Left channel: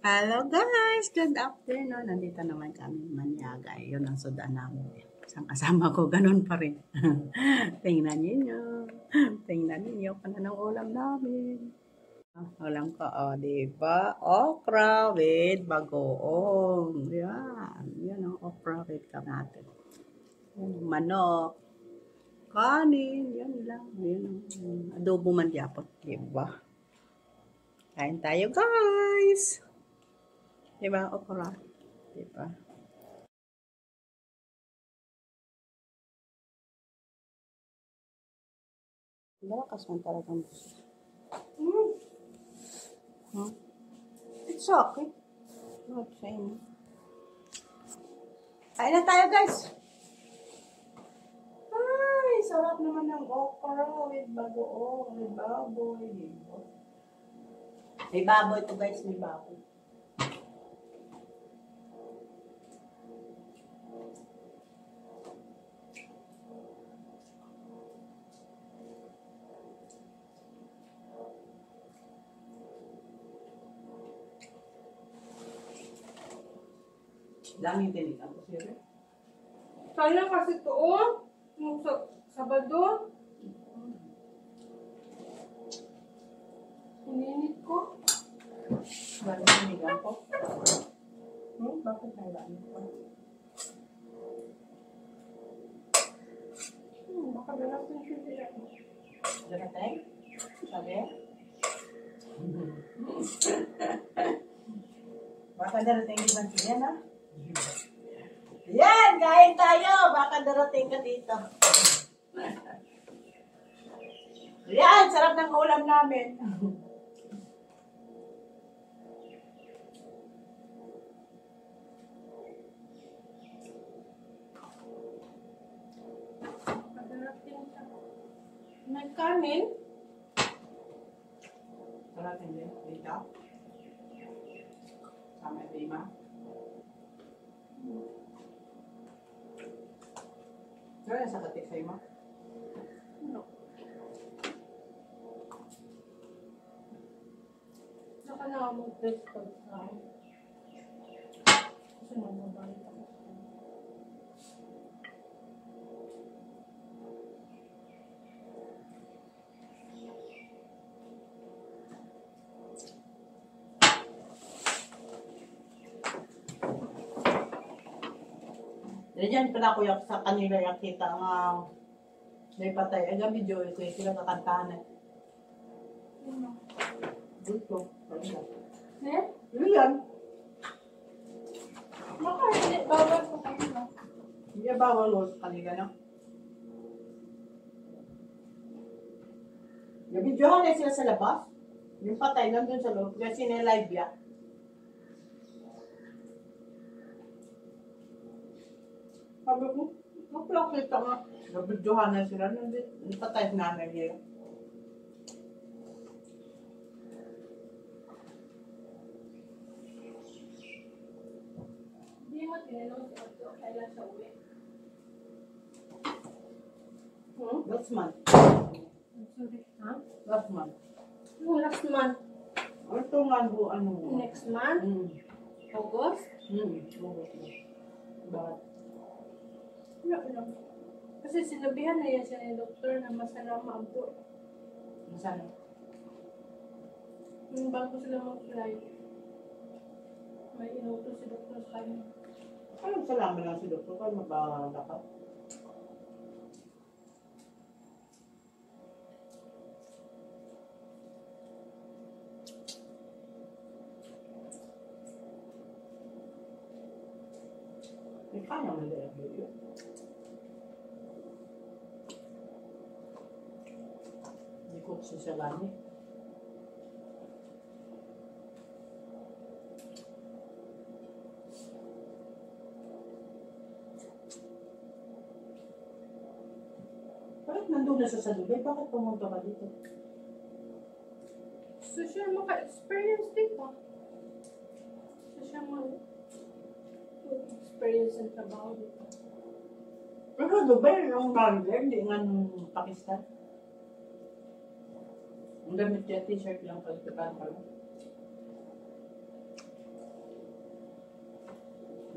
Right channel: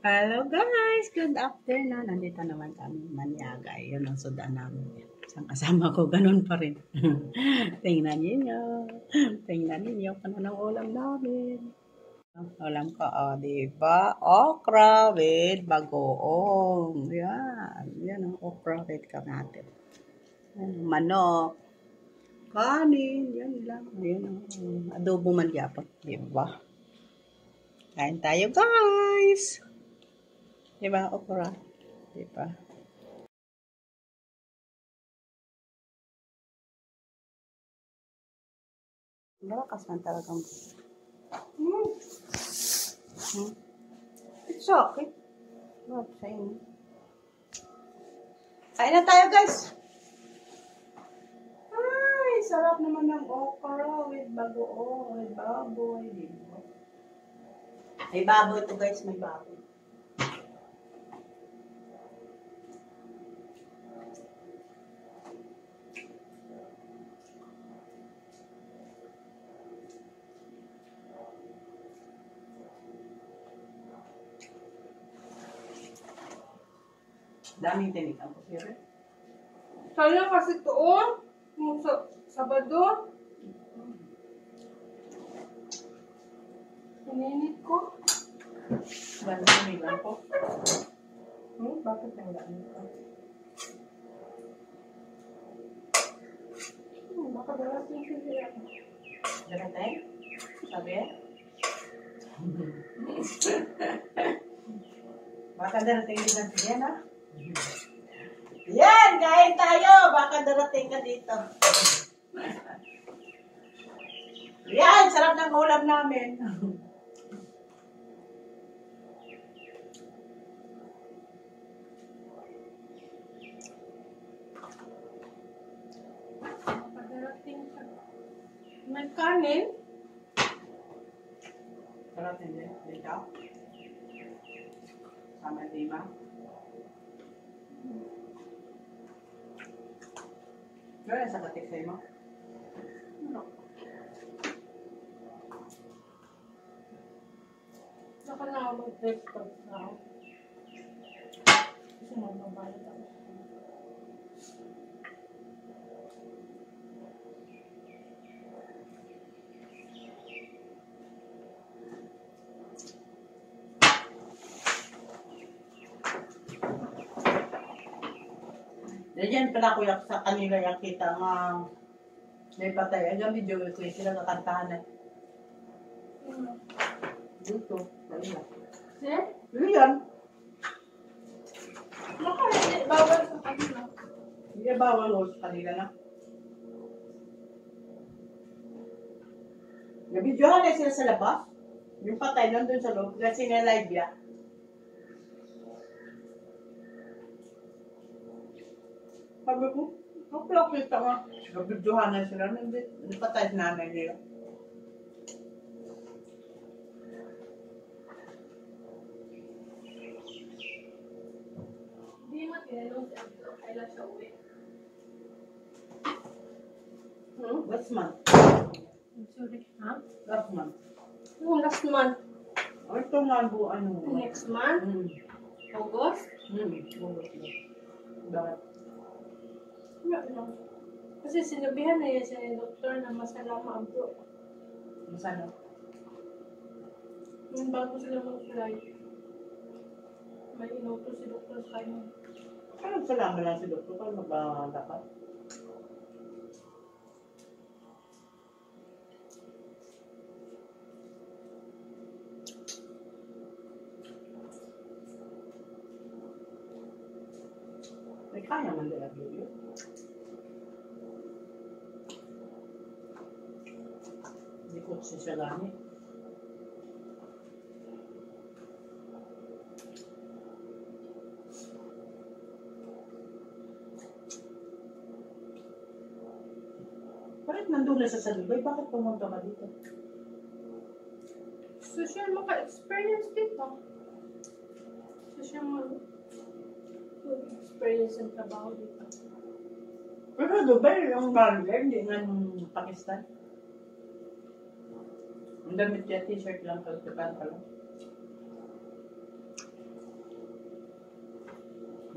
Hello guys! Good afternoon. Nandito naman kami Maniaga. Yun ang sudan namin. Isang kasama ko, ganun pa rin. Tingnan ninyo. Tingnan ninyo kung anong ulam namin. Ulam ko, diba? Okra with bagoong. Yan. Yan ang okra with kamatis. Manok. Kanin. Yan lang. Yan ang adobo man yapon. Diba? Kain tayo guys! Diba, okra? Diba? Malakas man talagang. It's okay. Not saying. Kain na tayo, guys. Ay, sarap naman ng okra with bagoong, with baboy. Diba? May baboy ito, guys. May baboy. Daming tinik ang kusiri. Sana kasi to, yung Sabado. Ininit ko. Bakit tinigan ko? Bakit tinigan ko? Baka darating siya sila. Darating? Sabi? Baka darating din ba siya na? Yan! Kain tayo! Baka darating ka dito. Yan! Sarap ng ulam namin. Baka darating siya. May kanin. Darating din. Dito. Sama lima. Kaya sa katik sa'yo mo? Ano? Saka na ako mag-text pag ako. Kasi magbabayad ako. Diyan pala ko sa kanila yakita nga may patay. Ay gabi video ko sila kakantahan eh. Dito. Kanila. Eh? Yan. Baka hindi. Bawal sa kanila. Hindi bawal ho sa kanila na. Nabidyohan na sila sa labas. Yung patay nandun sa loob. Kasi nilive ya. Sabi ko, nakita nga. Nabidyohan na sila. Yung patay na namin nila. Hindi mo tinanong si Abdo. Kailan siya uwi? Last month. Sorry. Ha? Last month. Oh, last month. O ito nga buwan mo. Next month? August? Bakit? Wala lang. Kasi sinabihan na yan siya ni doktor na masalama Abdo. Masano? Yung bago sila mag-fly, may inutos si doktor sa kanya. Anong salamat lang si Doktor kung magdapat? May kaya man dala video. Hindi ko siya gamit. Bakit nandun na siya sa Dubai? Bakit pumunta ka dito? So siya maka-experience dito. So siya mag-experience ang trabaho dito. Pero Dubai, yung barber, hindi nga ng Pakistan. Ang damit niya, t-shirt lang, kalipatan ka lang.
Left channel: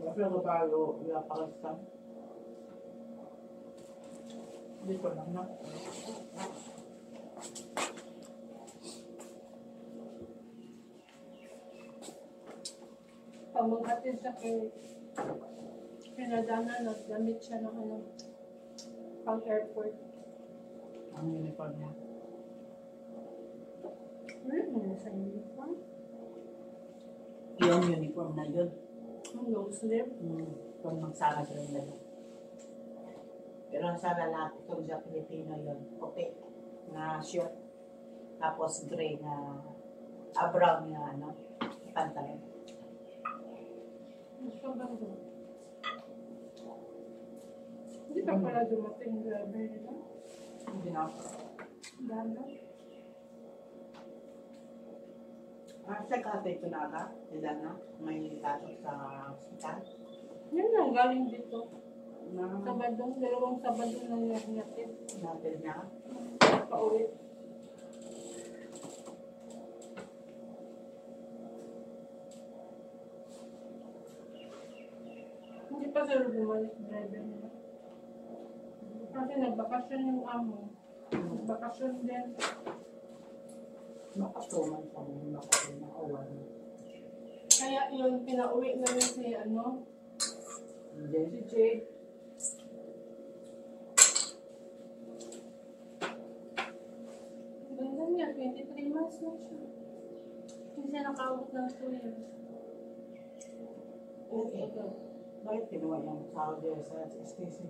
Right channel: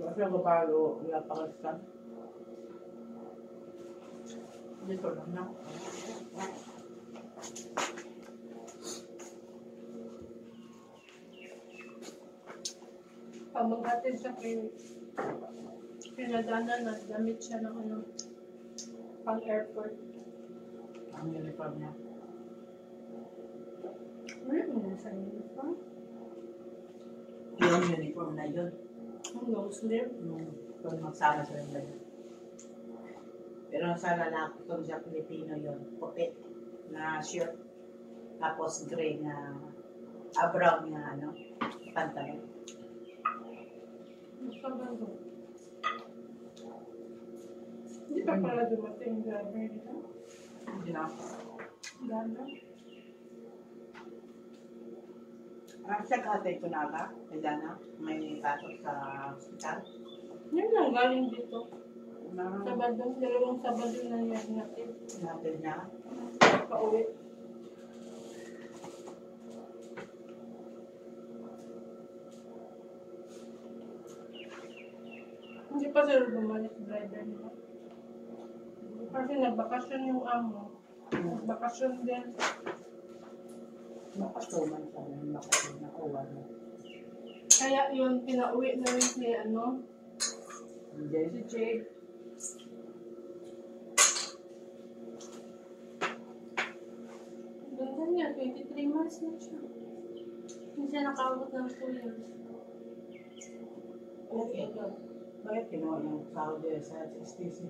Kasi ako bago napakastan. Dito lang na. Pag mag-attend siya kay Dana, nagdamit siya ng ano, pang airport. Ang uniform niya. Ano yun sa uniform? Yung uniform na yun. Ang long sleeve. Kung magsama sila ng ganyan. Pero sa lalaki, kung sa Pilipino yun, puti na shirt. Tapos gray na, brown na ano, pantalon. Gusto ba ito? Hindi pa pala dumating yung driver nila? Hindi na. Dana? Siya katay ko na ba? Kaya na, may pasok sa hospital. Yan lang, galing dito. Na Sabado, dalawang Sabado na niya natin. natin niya. Pauwi. Hindi pa sila bumalik driver nila. Kasi nagbakasyon yung amo. Nagbakasyon din. Makatuman sa mga makatuman na awan. Kaya yun, pinauwi na rin si ano, Hindi. si Jake. Ganda niya, 23 months na siya. Hindi siya nakabot ng 2 years. Okay. Bakit kinuha yung sahod niya sa STC?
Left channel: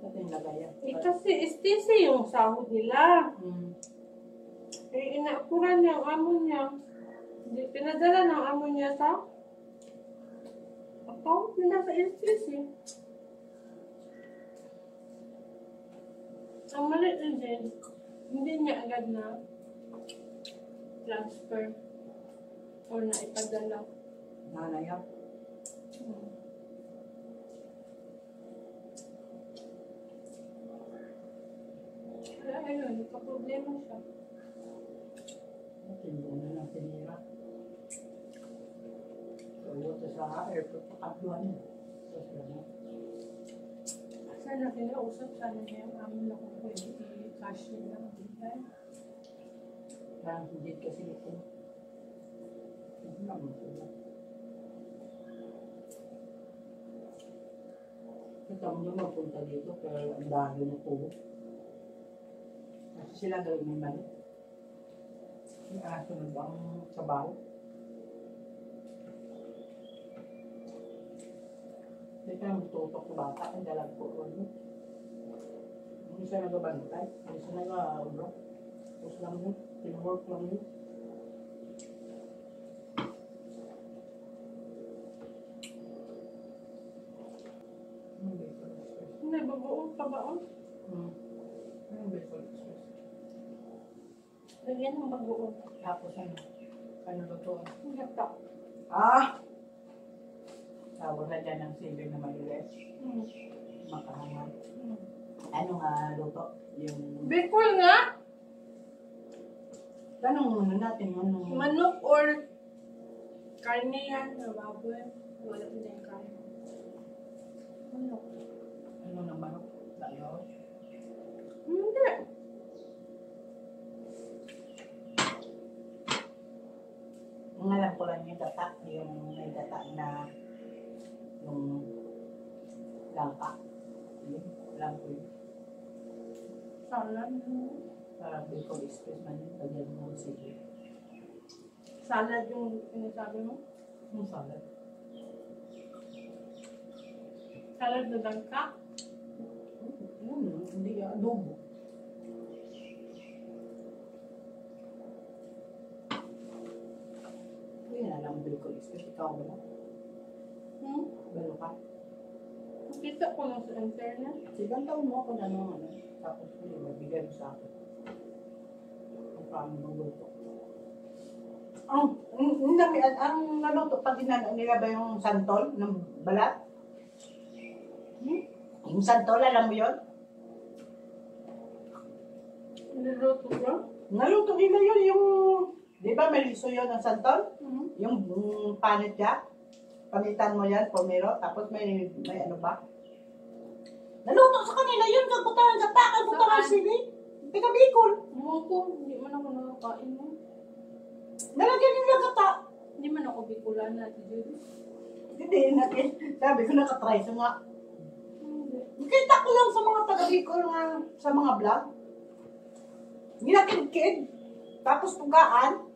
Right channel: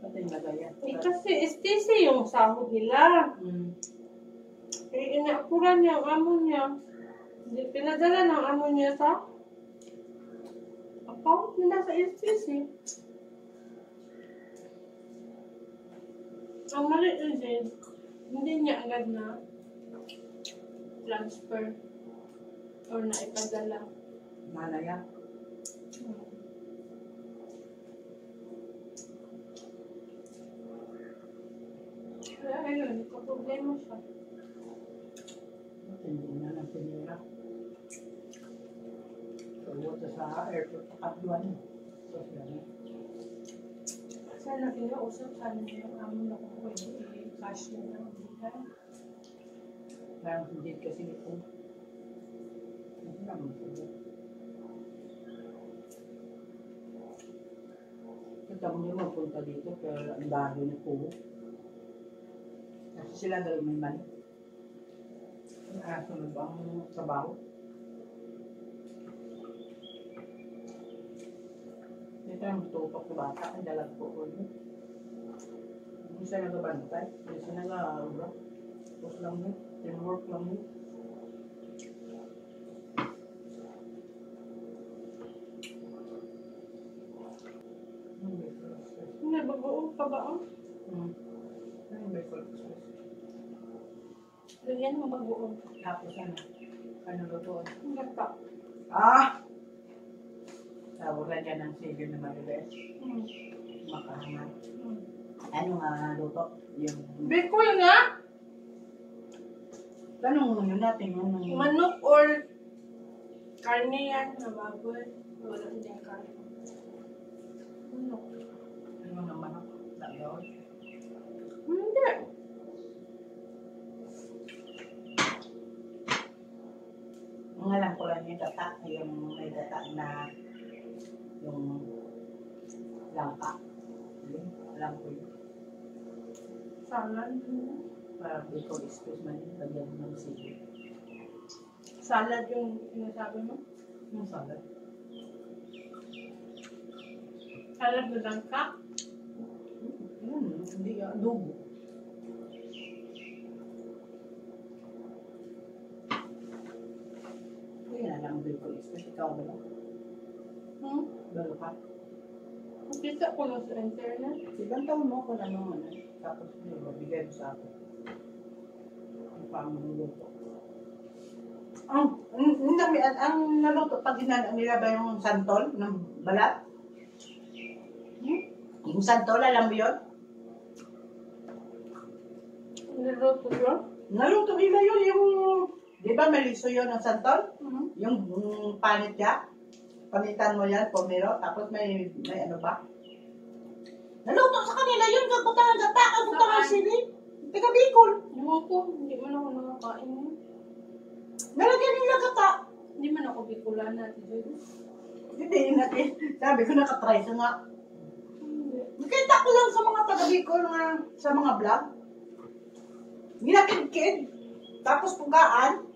Pati yung lagayan. Kasi STC yung sahod nila. Inaapuran niya ang amo niya. Pinadala ng amo niya sa account nila sa STC. Ang mali din, hindi niya agad na transfer or na ipadala. Malaya. Kaya ayun, nagka-problema siya. Hindi na lang pinira. So, ito sa airport, pakatuan niya. So, siya. Sana kinausap, sana niya yung amo na kung pwede i-cash niya lang. Parang hindi kasi ito. Hindi naman sila. Kita mo niya magpunta dito, pero ang dahil na po. Kasi sila daw may mali. Yung aso na ba ang trabaho? Dito ang tutok na bata, ang dalag po ko. Hindi siya nagabantay, hindi siya nag-aura. Tapos lang yun, teamwork lang yun. Hindi, bagoong pa ba ang? Ano ba yung express? Lagyan ng bagoong. Tapos ano? Ano ba ito? Gata. Tawag na dyan ng sili na malilis. Makahangan. Mm. Ano nga luto? Yung... Bicol nga! Tanong muna natin yung... Manok or karne yan na baboy. Wala din yung karne. Manok. Ano ng manok? Dalaw? Hindi. Ang alam ko lang yung data. Yung may data na... Yung... Langka. Yun, alam ko yun. Salad. Para Bicol Express man yun. Lagyan mo ng sili. Salad yung sinasabi mo? Yung salad. Salad na lang ka? Hindi adobo. Hindi na lang Bicol Express. Ikaw ba lang? Lalo ka? Nakita ko lang sa internet. Ibang taon mo kung ano. Tapos bigay mo sa akin. Ang paano luto. Ang naluto pag nila ba yung santol ng balat? Yung santol, alam mo yun? Niluto yun? Naluto nila yun yung... Di ba maliso yun ang santol? Mm-hmm. Yung panit niya? Pamitan mo yan, pomero, tapos may ano ba? Naluto sa kanila yun, kagutangan gata, kagutangan Saan? sili. Teka, Bicol. Ewan ko, hindi man ako nakakain mo. Nalagyan nila gata. Hindi man ako Bicolana, Ate Judy. Hindi, natin. Sabi ko nakatry sa nga. Hindi. Nakita ko lang sa mga taga-Bicol nga, sa mga vlog. Ginakid-kid. Tapos pugaan.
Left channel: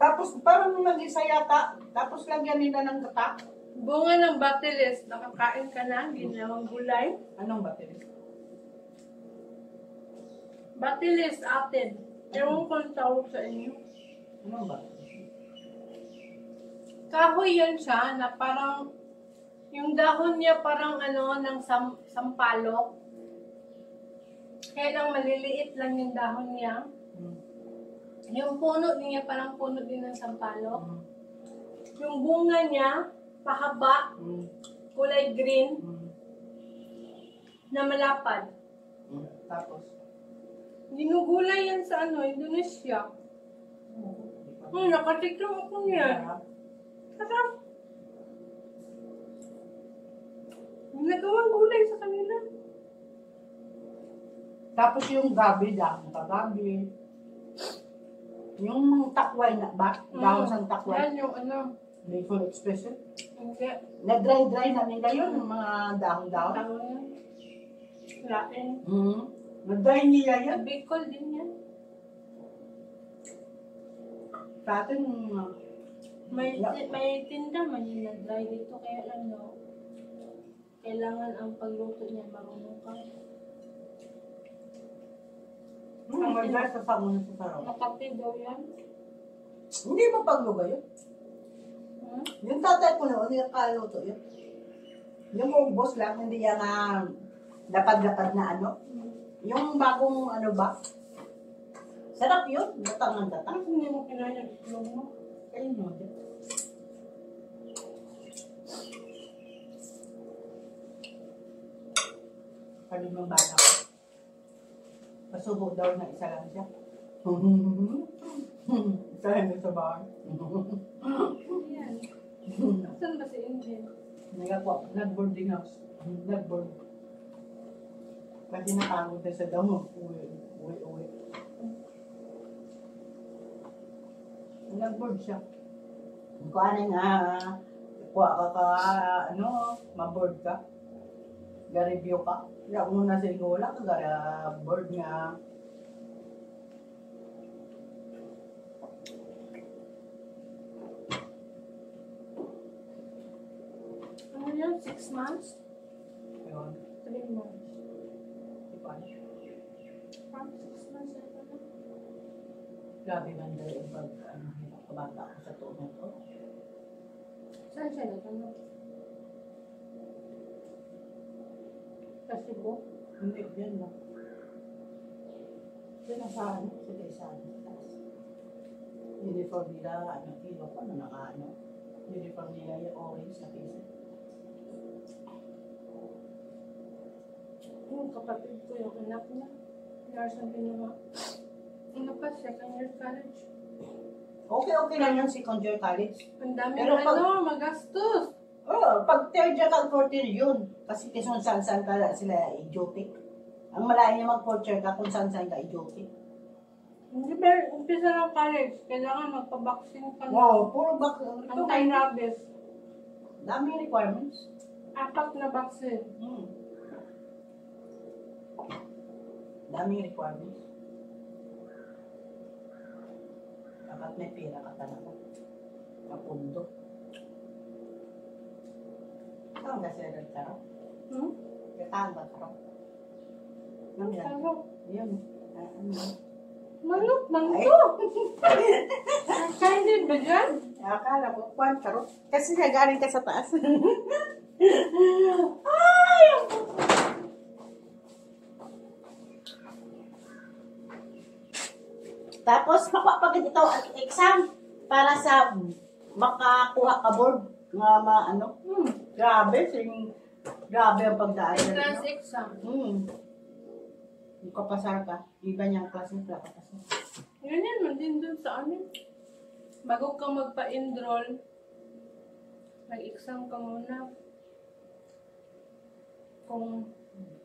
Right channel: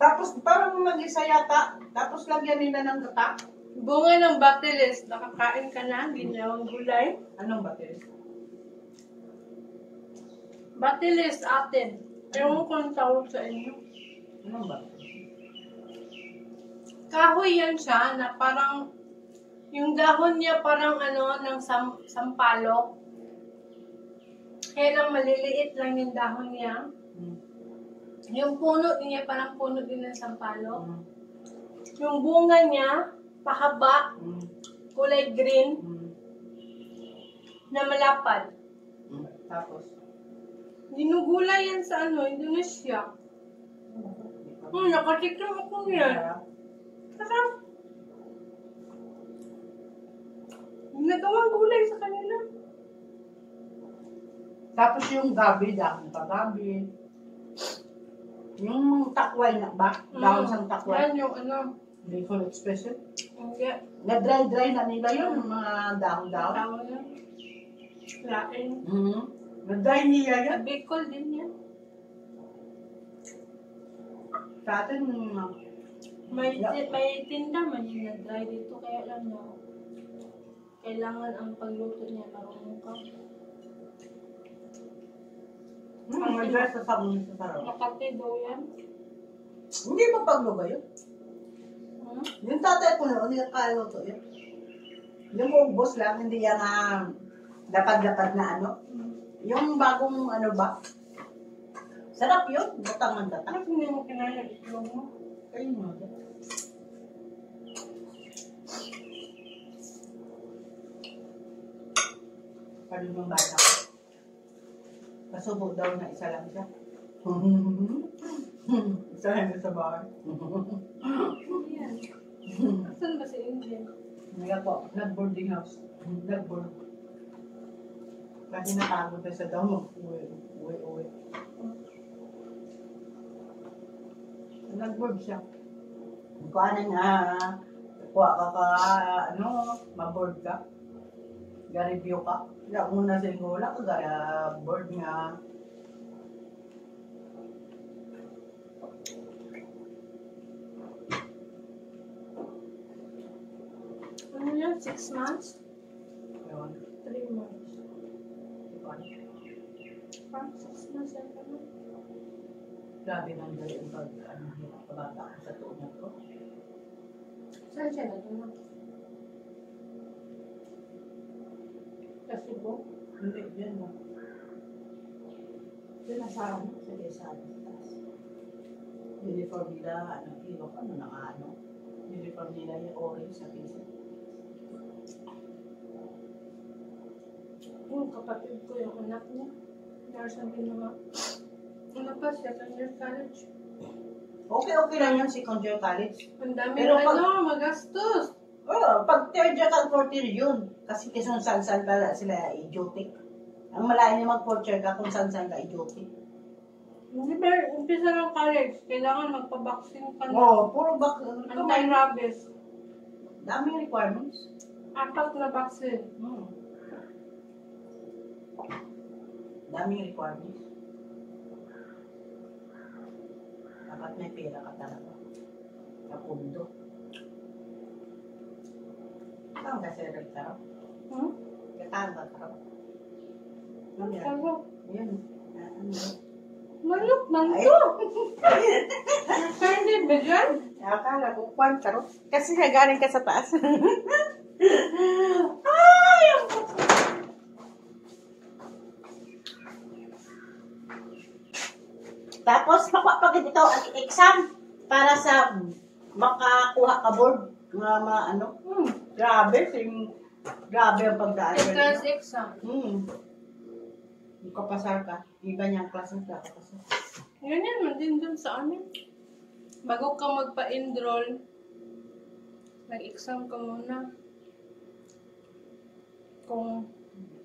Tapos parang mag-isa yata. Tapos lagyan nila ng gata. Bunga ng batilis, nakakain ka na, ginawang gulay. Anong batilis? Batilis atin. Ewan ko ang tawag sa inyo. Anong batilis? Kahoy yan siya na parang, yung dahon niya parang ano, ng sampalok. Kaya lang maliliit lang yung dahon niya. Yung puno niya parang puno din ng sampalok. Yung bunga niya, pahaba, kulay green, na malapad. Tapos? Ginugulay yan sa ano, Indonesia. Nakatikram ako niyan. Sarap. Nagawang gulay sa kanila. Tapos yung gabi, dahon pa gabi. Yung takway na ba? Dahon sang takway. Yan yung ano. Playful expression. Hindi. Na-dry na nila yun, yung mga dahon-dahon. Tawag yan. Lain. Na-dry nila yan. Sa Bicol din yan. Sa atin, May tinda man yung na-dry dito. Kaya lang no. Kailangan ang pagluto niya marunong ka. may dry sa sabon sa sarap. Makati daw yan. Hindi ba pagluga yun? Yung tatay ko noon, yung kaluto yun. Yung ubos lang, hindi yan na dapat-dapat na ano. Yung bagong ano ba? Sarap yun, batangan datang. Bakit hindi mo kinaya itlog mo? Ayun mo. Sabi ng bata ko. Pasubo daw na isa lang siya. Isa lang sa bahay. Yan. Asan ba si Indian? Nag-boarding house. Nag-board. Kasi napagod na siya daw mag-uwi. Nag-board siya. Kung ano nga, kuha ka ma-board ka. Ga-review ka. Kaya muna siguro ka, board nga. Ano yan? 6 months? Ewan. 3 months. Ipan. Parang 6 months yan ka na. Grabe man dahil yung kabata ko sa tuon ko. Saan siya na? Kasi po? Hindi, yan lang. Yan sa taas. Uniform nila, ilok, uniform nila yung orange sa pisa. Yung kapatid ko, yung anak niya. Nurse ang ginawa. Ano pa, second year college. Okay lang yun, second year college. Ang dami Pero magastos. Pag third year ka, fourth year yun. Kasi kung saan ka sila idiotic. Ang malayo niya mag-fourth year ka kung saan ka idiotic. Hindi ba, umpisa ng college, kailangan magpa-vaccine ka na. Oo, puro Anti-rabies. daming requirements. 4 na vaccine. Daming requirements. Dapat may pera ka talaga. Napundo. Saan ka sila nagtaraw? Kataan ba taraw? Ano yan? Ano? Yan. Ano yan? Manok lang to. Hindi ba dyan? Akala ko, kwan taraw. Kasi galing ka sa taas. Tapos, pag ikaw ang exam para sa makakuha ka board nga grabe ang pagdaan. Entrance exam. Yung kapasar ka, iba niyang klase ng kapasar. Ganyan man din dun sa amin. Bago ka magpa-enroll, Mag-exam ka muna. Kung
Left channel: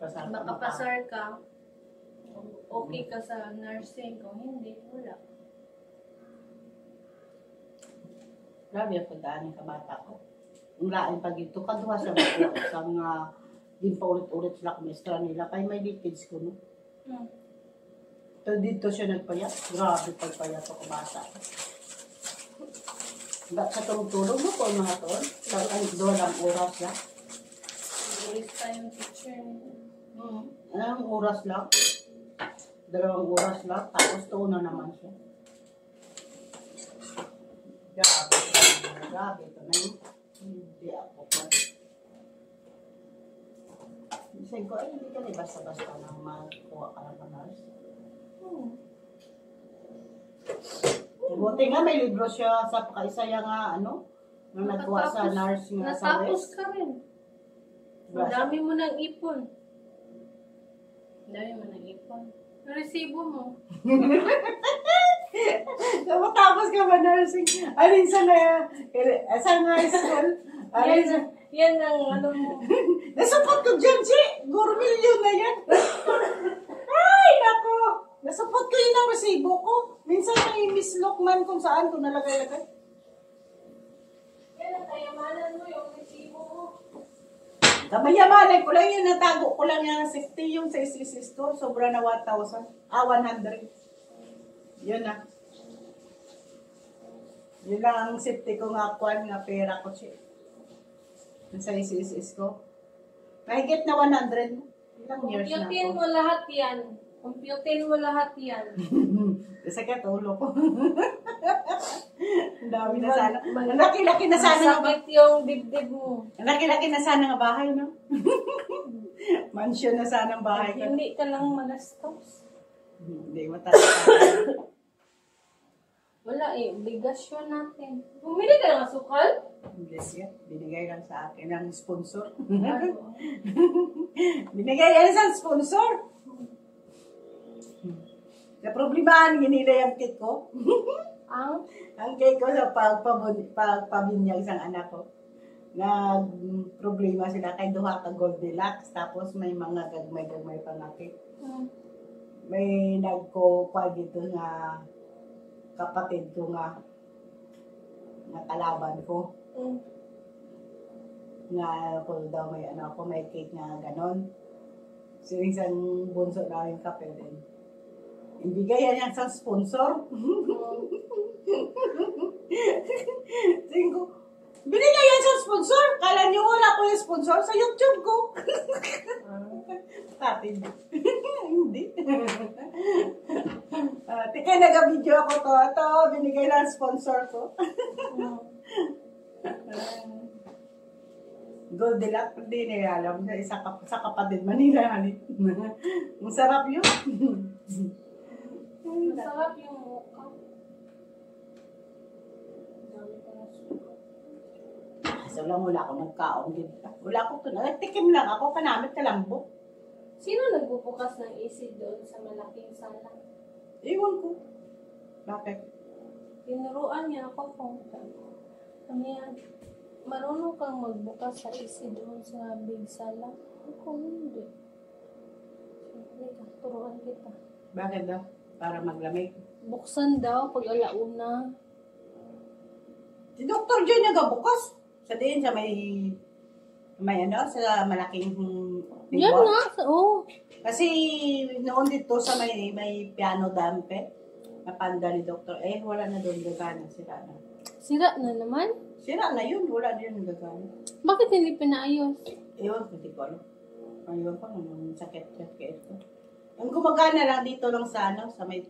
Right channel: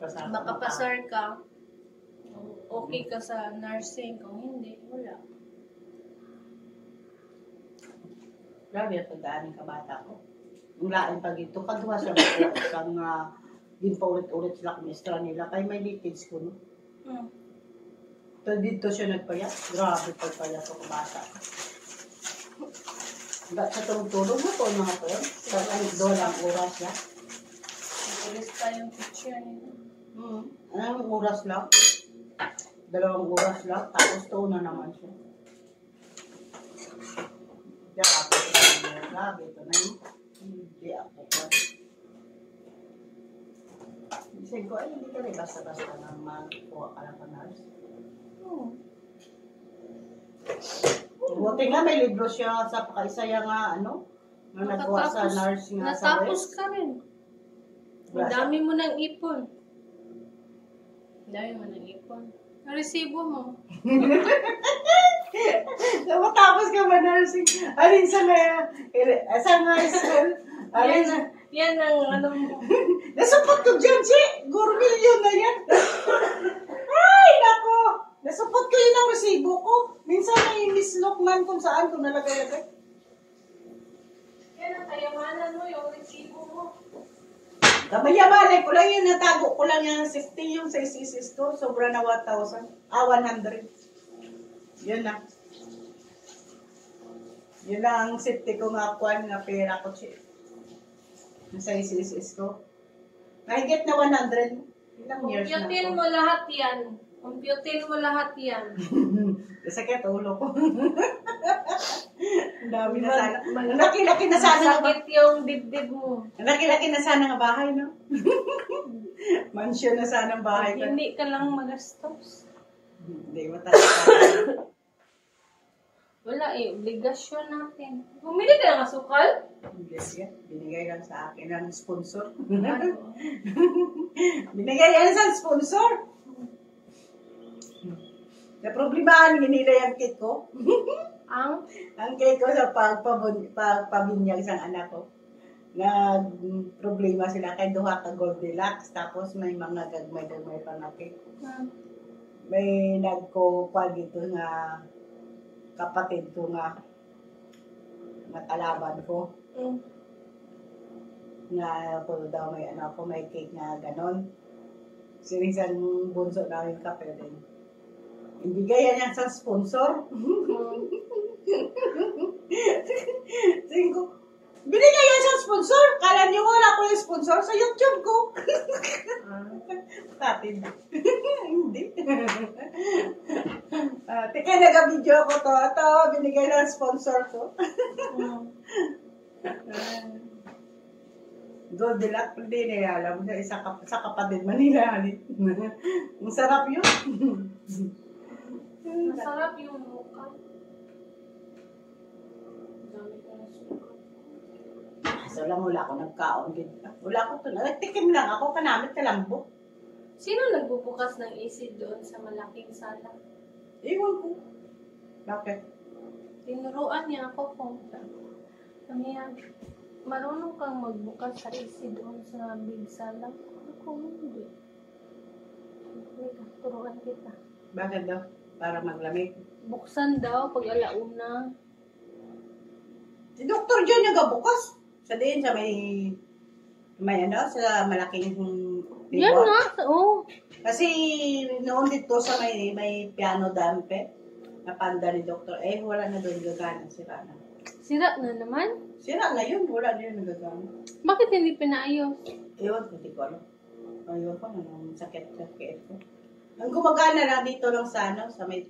Pasar makapasar ka, okay ka sa nursing. Kung hindi, wala. Grabe ang pagdaan ng kabata ko. Yung lain pag ito, kaduha sa mga isang din pa ulit-ulit sila kumistra nila. Kaya may leakage ko, no? Mm. So, dito siya nagpayat. Grabe pagpayat ko kabata. Ba't sa tulog-tulog mo po mga to? Sa doon ang oras lang? Ulis tayong picture nito. Anong oras lang? 2 oras lang. Tapos to na naman siya. Grabe. Grabe ito na yun. Hindi ako pa. Isang ko, ay hindi ka rin basta-basta nang makuha ka lang kanals. Buti nga may libro siya sa pakaisaya nga ano, na nagkuha sa nurse nga sa natapos West. ka rin. Ang dami mo ng ipon. Ang dami mo ng ipon. Ang resibo mo. Matapos ka ba nursing? Alin sa nga school? Alin sa... Yan ang ano mo. Nasupot ko dyan, si! Gourmillion na yan. Ay, nako! Nasupot ko yun ang resibo ko. Minsan may Miss Lokman kung saan ko nalagay-lagay. Yan ang kayamanan mo, yung resibo mo. Kamayamanay ko lang yun, natago ko lang yung 60 yung sa isisis ko. Sobra na 1,000. 100. Yun na. Yun lang ang safety ko nga kuhan nga pera ko siya. Sa isisis ko. Mahigit na 100. Ilang years na Computin ako. mo lahat yan. Computin mo lahat yan. Sakit ulo ko. Ang dami na sana. Ang laki-laki na sana. Masakit yung dibdib mo. Ang laki-laki na sana nga bahay, no? Mansion na sana ang bahay ko. Hindi ka lang magastos. Hindi, matagal. Wala eh, obligasyon natin. Bumili ka ng asukal? Hindi siya. Binigay lang sa akin ng sponsor. Binigay yan sa sponsor. Na problemahan, hinila yung kit ko. Ang cake ko sa pagpabinyag sa anak ko. Na problema sila kay duha ka Goldilocks. Tapos may mga gagmay-gagmay pa na cake. May nagko-kwal dito nga kapatid ko nga kalaban ko. Nga ako daw may ano ko may cake nga ganon. Sinisang bunso na yung kape din. Hindi gaya niya sa sponsor. Sabi ko, binigay yan sa sponsor. Kala niyo wala ko yung sponsor sa YouTube ko. Tatid. Hindi. Tika nag-video ko to. Ito, binigay ng sponsor ko. Goldilocks, hindi na alam. Sa kapatid Manila. Ang sarap yun. Masarap yung mukha. So lang wala ako nagkaon din. Wala ako to. Nagtikim lang ako. Kanamit kalambok. Sino nagbubukas ng AC doon sa malaking sala? Iwan ko. Bakit? Tinuruan niya ako kung kanya, marunong kang magbukas sa AC doon sa big sala. Ako hindi. Turuan kita. Bakit daw? Para maglamig. Buksan daw pag alauna. Si Dr. John nagabukas. Sa din sa may ano, sa malaking Yan nga. Oo. Kasi noon dito sa may piano dampe, napanda ni Dr. Wala na doon gagana. Sira na. Sira na naman? Sira na yun. Wala na yun gagana. Bakit hindi pinaayos? Ayun, hindi ko alam. Ayun ko, anong sakit-sakit ko. Ang gumagana lang dito lang sa ano, sa may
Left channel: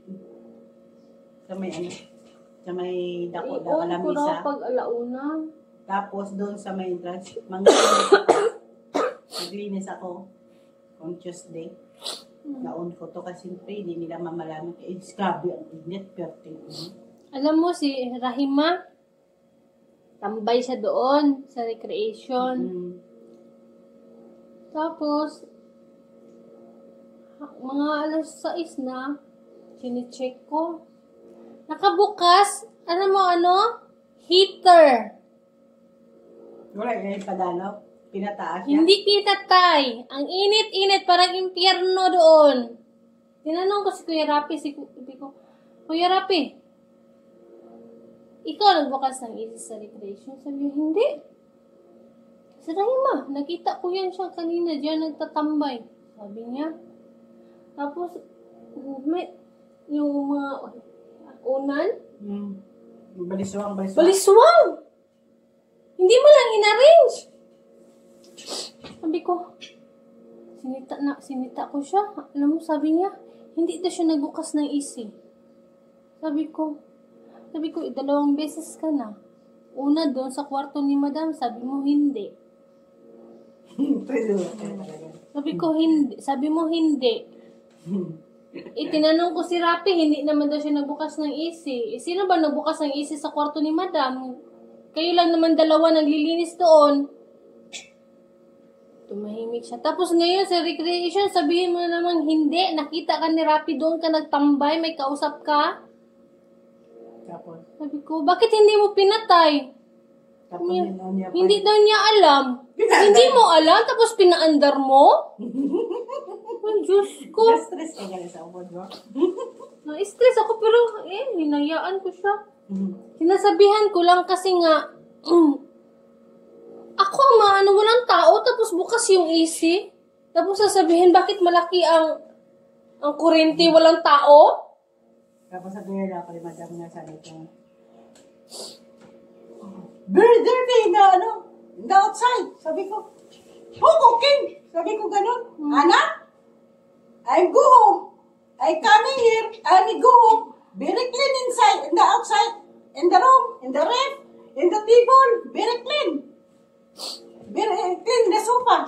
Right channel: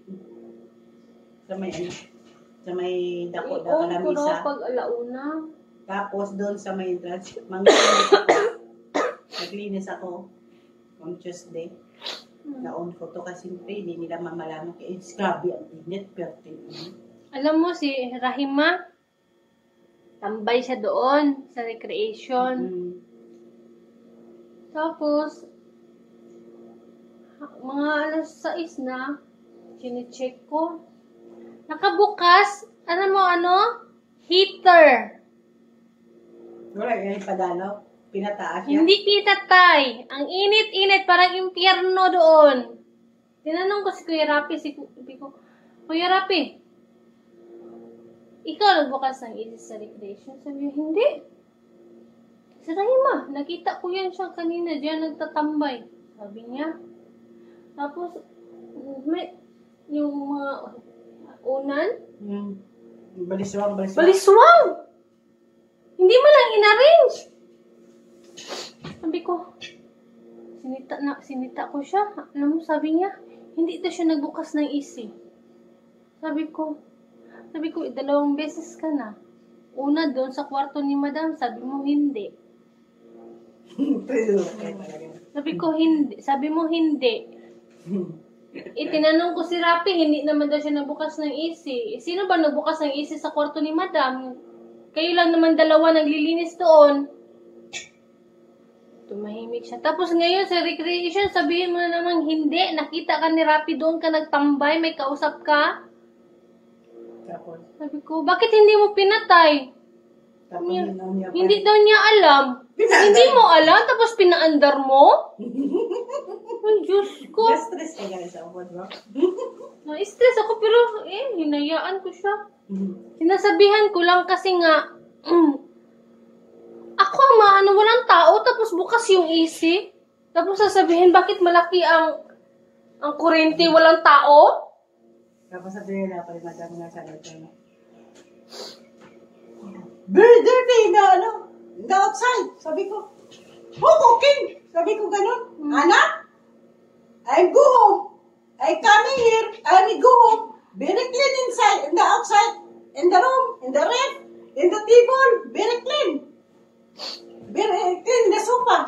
ano, sa may dako na ko misa. daw pag alauna. Tapos doon sa may entrance, maglinis ako. Naglinis ako on Tuesday. Na-on ko to kasi hindi nila mamalaman. It's grabe ang init, pero Alam mo si Rahima, tambay siya doon sa recreation. Tapos, mga alas 6 na, sinicheck ko. Nakabukas, ano mo ano? Heater. Wala yung padalo. Pinataas niya. Hindi pinatay. Ang init-init, parang impyerno doon. Tinanong ko si Kuya Rapi, sabi ko, Kuya Rapi, ikaw nagbukas ng isis sa recreation? Sabi niya, hindi. Si Rahima, nakita ko yan siya kanina, diyan nagtatambay. Sabi niya. Tapos, may, yung mga unan, Baliswang. baliswang! Hindi mo lang in-arrange. Sabi ko, sinita ko siya. Alam mo, sabi niya, hindi daw siya nagbukas ng isi. Sabi ko, 2 beses ka na. Una doon sa kwarto ni Madam, sabi mo hindi. Sabi mo hindi. Itinanong ko si Rapi, hindi naman daw siya nagbukas ng isi. Sino ba nagbukas ng isi sa kwarto ni Madam? Kayo lang naman dalawa naglilinis doon. Tumahimik siya. Tapos ngayon sa recreation, sabihin mo na naman hindi. Nakita ka ni Rapi doon ka nagtambay, may kausap ka. Tapos, Sabi ko, bakit hindi mo pinatay? Hindi daw niya alam. Hindi mo alam, tapos pinaandar mo? Ang Diyos ko. na-stress ka ganun sa ubod mo? Na-stress ako, pero hinayaan ko siya. Sinasabihan ko lang kasi nga, ako walang tao, tapos bukas yung AC. Tapos sasabihin, bakit malaki ang kurente, walang tao? Tapos sabihin na pala, Madam, na sa ito. Very dirty na the outside. Sabi ko, who cooking? Sabi ko ganun. Anak, I go home. I coming here. I go home. Very clean inside, in the outside, in the room, in the ref, in the table. Very clean. Very clean the sofa.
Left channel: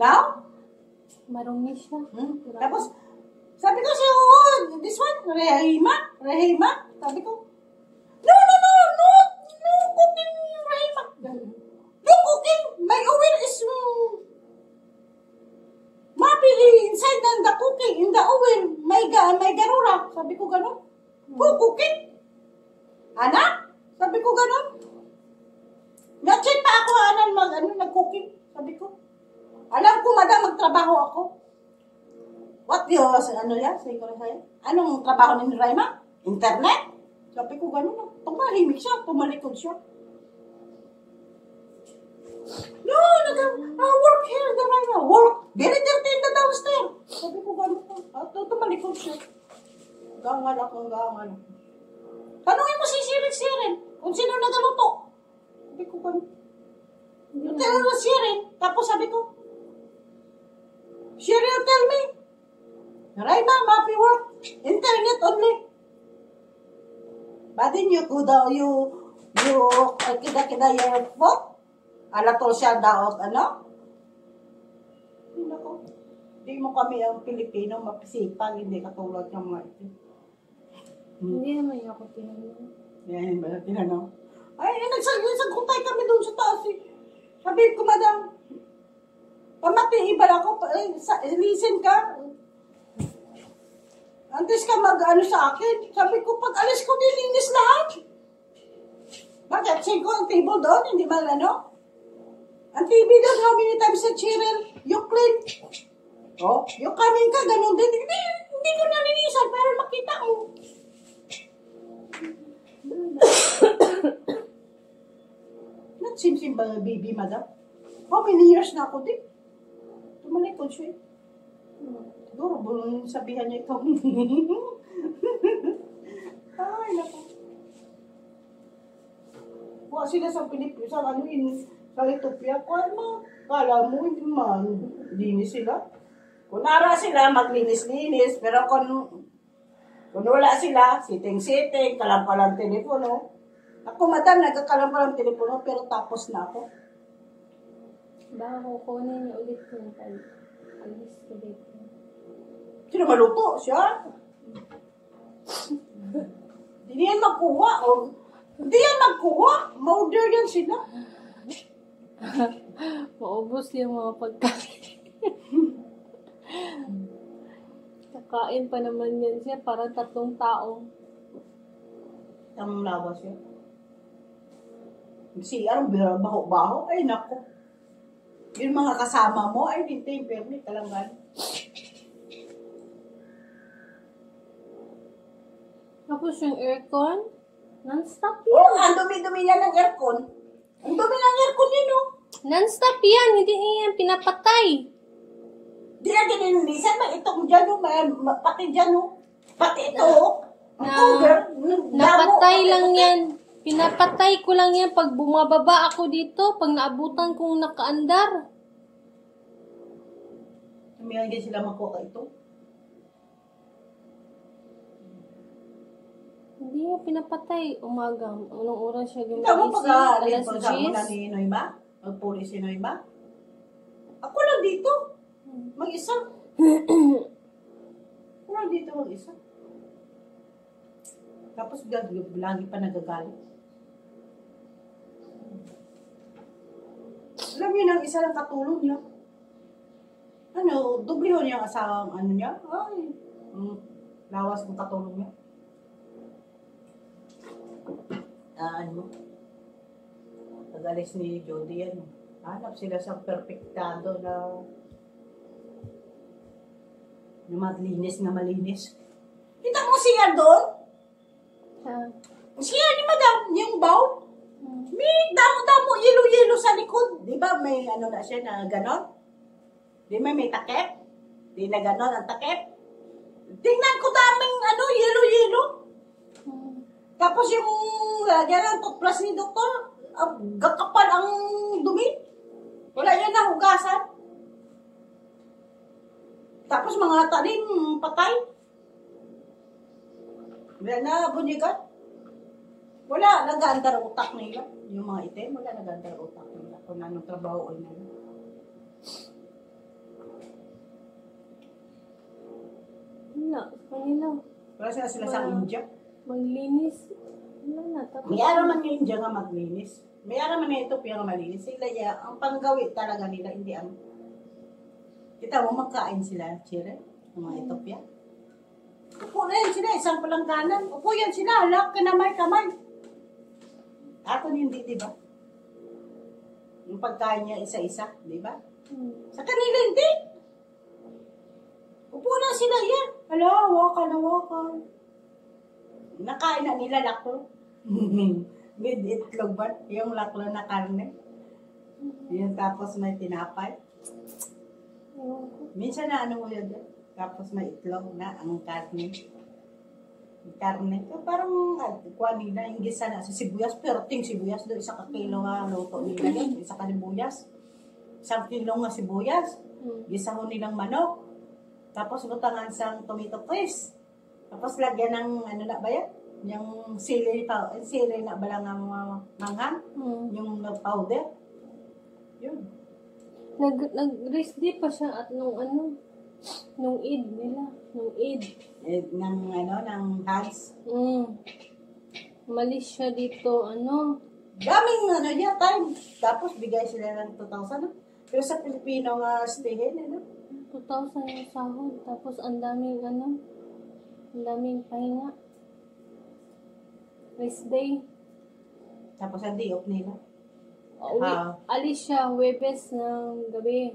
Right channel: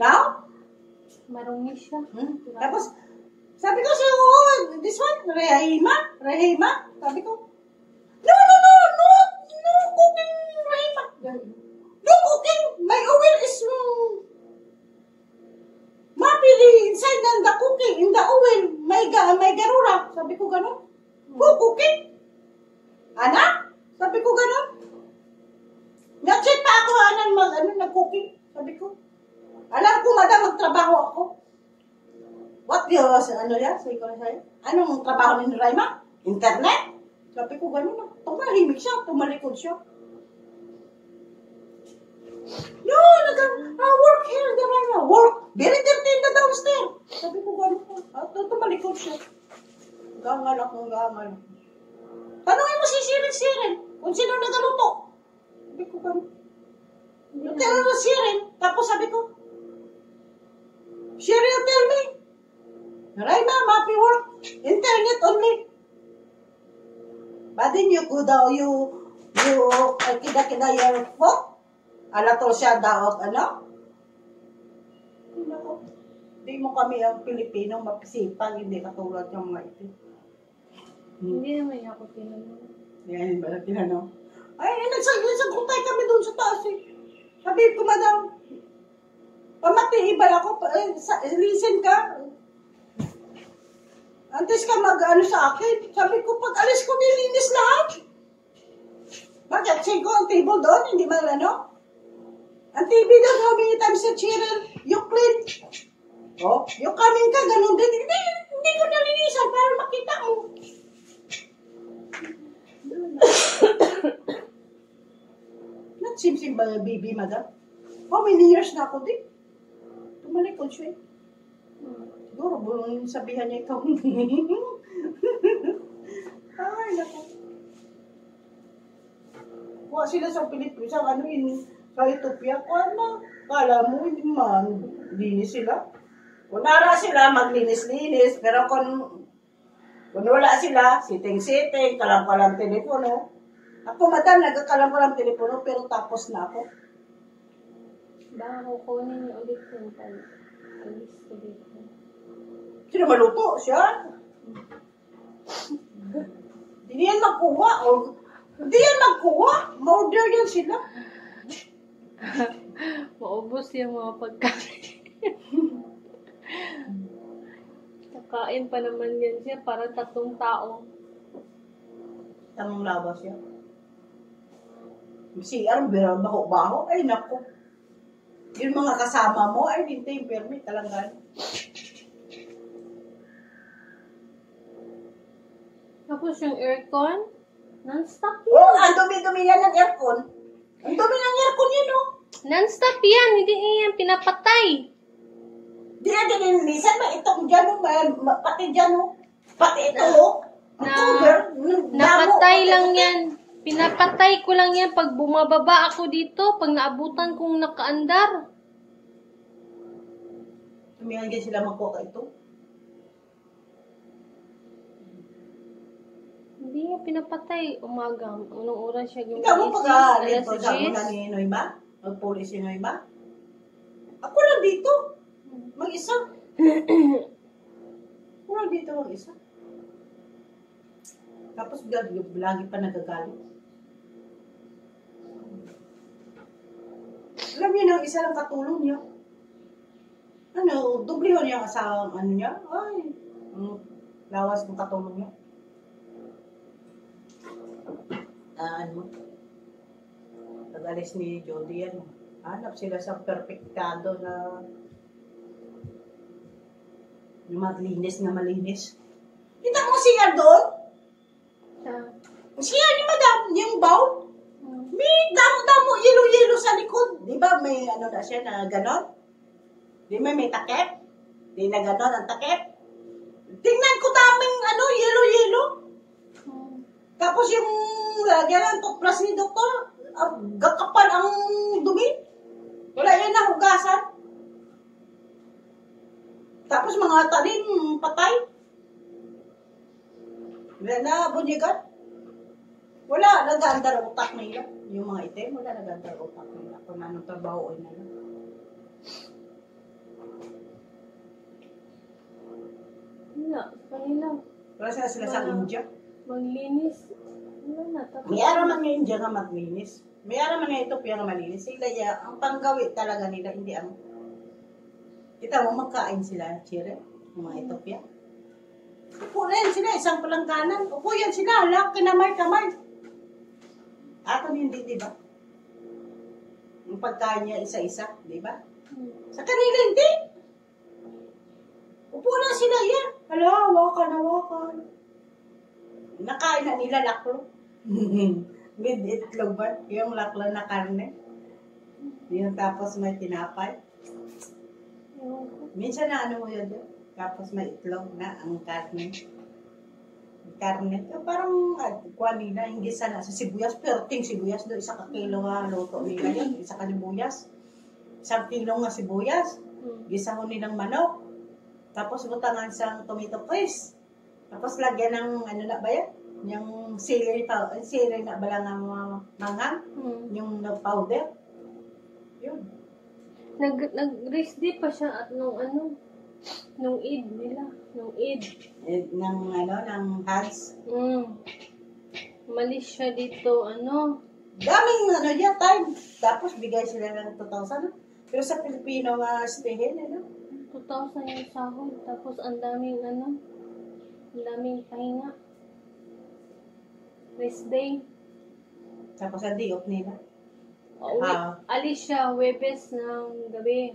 Now? Marumi siya. Tapos, sabi ko siya, this one, Rahima. Sabi ko, no cooking, Rahima. No cooking. My oven is mapili inside the cooking, in the oven. May garura. Sabi ko ganun. Who cooking? Anak? Sabi ko ganun. Na-check pa ako, nag-cooking. Sabi ko. Alam ko, Madam, magtrabaho ako. What yours, yan? Sabi ko na sa'yo. Anong trabaho ni Rahima? Internet? Sabi ko ganun. Tumahimik siya, tumalikod siya. No, work here, the Rahima. Work. Very dirty in the downstairs. Sabi ko ganun. Tumalikod siya. Gangal ako. Tanungin mo si Sirin. Kung sino nagaluto. Sabi ko ganun. Tell mo Sirin. Tapos sabi ko, Sirin, tell me. Rahima, happy work. Internet only. Badin you kida your phone? Alatol siya daot, Hindi mo kami ang Pilipino mapisipag, hindi katulad ng mga ito. Hindi naman ako tinanong. Yan ba na tinanong? Ay, nagsagutay kami doon sa taas eh. Sabi ko, Madam, pamati, iba ako, listen ka. Antes ka sa akin. Sabi ko, pag alis ko, nilinis lahat. Bakit? Say ko, ang table doon, hindi ba Ang TV doon, how many times sa Cheryl, you clean. Oh, you coming ka, ganun din. Hindi ko nalinisan para makita mo. Nagsimsim ba, baby, Madam? How many years na ako din? Tumalikod siya eh. Siguro, bulong sabihan niya ikaw. Ay, naku. Kuha sila sa Pilipinas, sa sa Ethiopia. Kala mo, hindi man, linis sila. Kung nara sila, maglinis-linis. Pero kung wala sila, sitting-sitting, kalam-kalam telepono. Ako, Madam, nagkakalam-kalam telepono, pero tapos na ako. Baka kukunin ulit yung alis ko dito. Sino maluto? Siya? Hindi yan magkuha. Hindi yan magkuha. Ma-order yan sila. Maubos yung mga pagkain. Kakain pa naman yan siya para 3 tao. Tamang lawas siya. CR, baho-baho. Ay, naku. Yung mga kasama mo, ay, dito yung permit talaga. Tapos yung aircon, non-stop Oh, yan. ang dumi-dumi yan ng aircon. Ang dumi ng aircon yun, oh. Non-stop yan, hindi yan pinapatay. Di na dinilinisan, may itong dyan, oh. Pati dyan, oh. Pati ito, oh. Ang cover. Napatay lang yan. Pinapatay ko lang yan pag bumababa ako dito, pag naabutan kong nakaandar. Tumiyagin sila makuha ito. Hindi niya pinapatay. Umaga. Anong oras siya gumising? Ikaw mo Alas pag-aalit mo 10? ni Noyma? Mag-police si Noyma? Ako lang dito. Mag-isa. Ako lang dito mag-isa. Tapos lagi pa nagagalit. Alam niyo na, isa lang katulong niya. Ano, dubliho niya ang asawang ano niya. Ay, lawas ng katulong niya. Ano mo? Pag-alis ni Jody yan. Hanap sila sa perfectado na malinis na malinis. Kita mo siya doon? Siya ni Madam, yung bow. May damo-damo, yelo-yelo sa likod. Di ba may ano na siya na ganon? Di ba may takip? Di na ganon ang takip? Tingnan ko daming ano, yelo-yelo. Tapos yung lagyan ng toothbrush ni doktor, gakapal ang dumi. Wala yan na hugasan. Tapos mga tanim, patay. Wala na bunyigan. Wala, nag-aandar ang utak nila. Yung mga item, wala nag-aandar ang utak nila. Kung anong trabaho ay nila. Wala, kanila. Wala sila sa India. Maglinis. Wala na. May araman nga India nga maglinis. May araman nga Ethiopia nga malinis. Sila ang panggawi talaga nila, hindi ang... Kita mo, magkain sila, Chile, yung mga Ethiopia. Upo na yan sila, isang palangkanan. Upo yan sila, halak, kamay. Ato hindi, di ba? Yung pagkain niya isa-isa, di ba? Sa kanila hindi. Upo na sila yan. Hala, hawakan. Nakain na nila laklo. With itlog ba? Yung laklo na karne. Yung tapos may tinapay. Minsan na ano mo yun dyan. Tapos may itlog na ang karne. Karne. Parang kuha nila, hindi sana sa sibuyas. Pero ting sibuyas doon. Isa ka kilo nga luto nila yun. Isa ka sibuyas. 1 kilo nga sibuyas. Gisa mo nilang manok. Tapos butangan sa tomato paste. Tapos lagyan ng ano na ba yan? Yung celery na ba lang ang manghang? Yung powder. Yun. Nag-rest day pa siya at nung Eid nila. Nung Eid. Ng hands. Malis siya dito, Daming yan, time. Tapos bigay sila ng 2,000. Pero sa Pilipino nga stayhin, 2,000 yung sahod. Tapos ang daming pahinga. Rest day. Tapos ang day off nila. Alis siya, Huwebes ng gabi.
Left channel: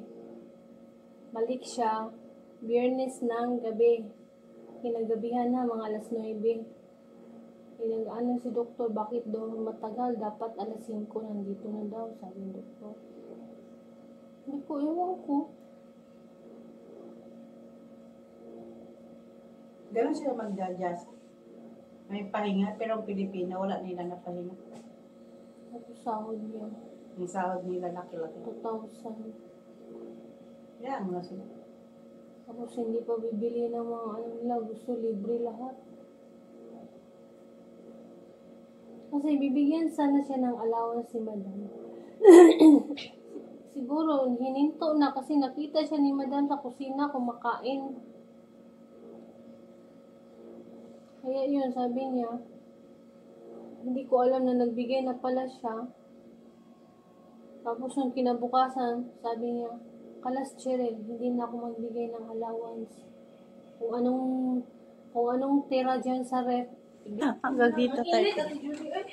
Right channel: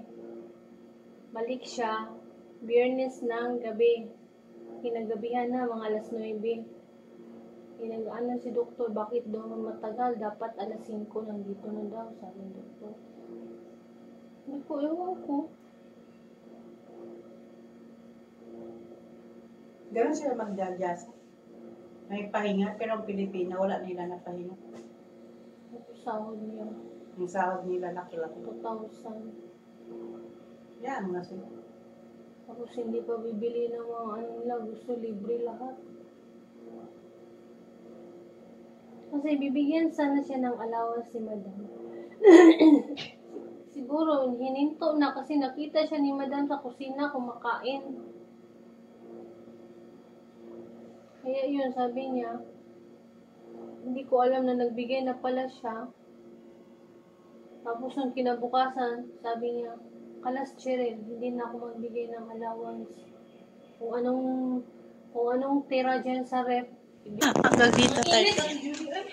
Balik siya, Biyernes ng gabi. Kinagabihan na, mga alas 9. Pinag-ano si doktor, bakit daw matagal? Dapat alas 5 nandito na daw, sabi ng doktor. Hindi ko, ewan ko. Ganun sila magdagyasa. May pahinga, pero ang Pilipina, wala nila na pahinga. Ito sahod niya. Ang sahod nila laki-laki. 2,000. Yan, mga sila. Tapos hindi pa bibili ng mga nila, gusto libre lahat. Kasi bibigyan sana siya ng allowance si Madam. Siguro, hininto na kasi nakita siya ni Madam sa kusina kumakain. Kaya yun, sabi niya, hindi ko alam na nagbigay na pala siya. Tapos yung kinabukasan, sabi niya, Kalas Cheryl, hindi na ako magbigay ng allowance. Kung anong tira dyan sa rep. Hanggang dito tayo. Init,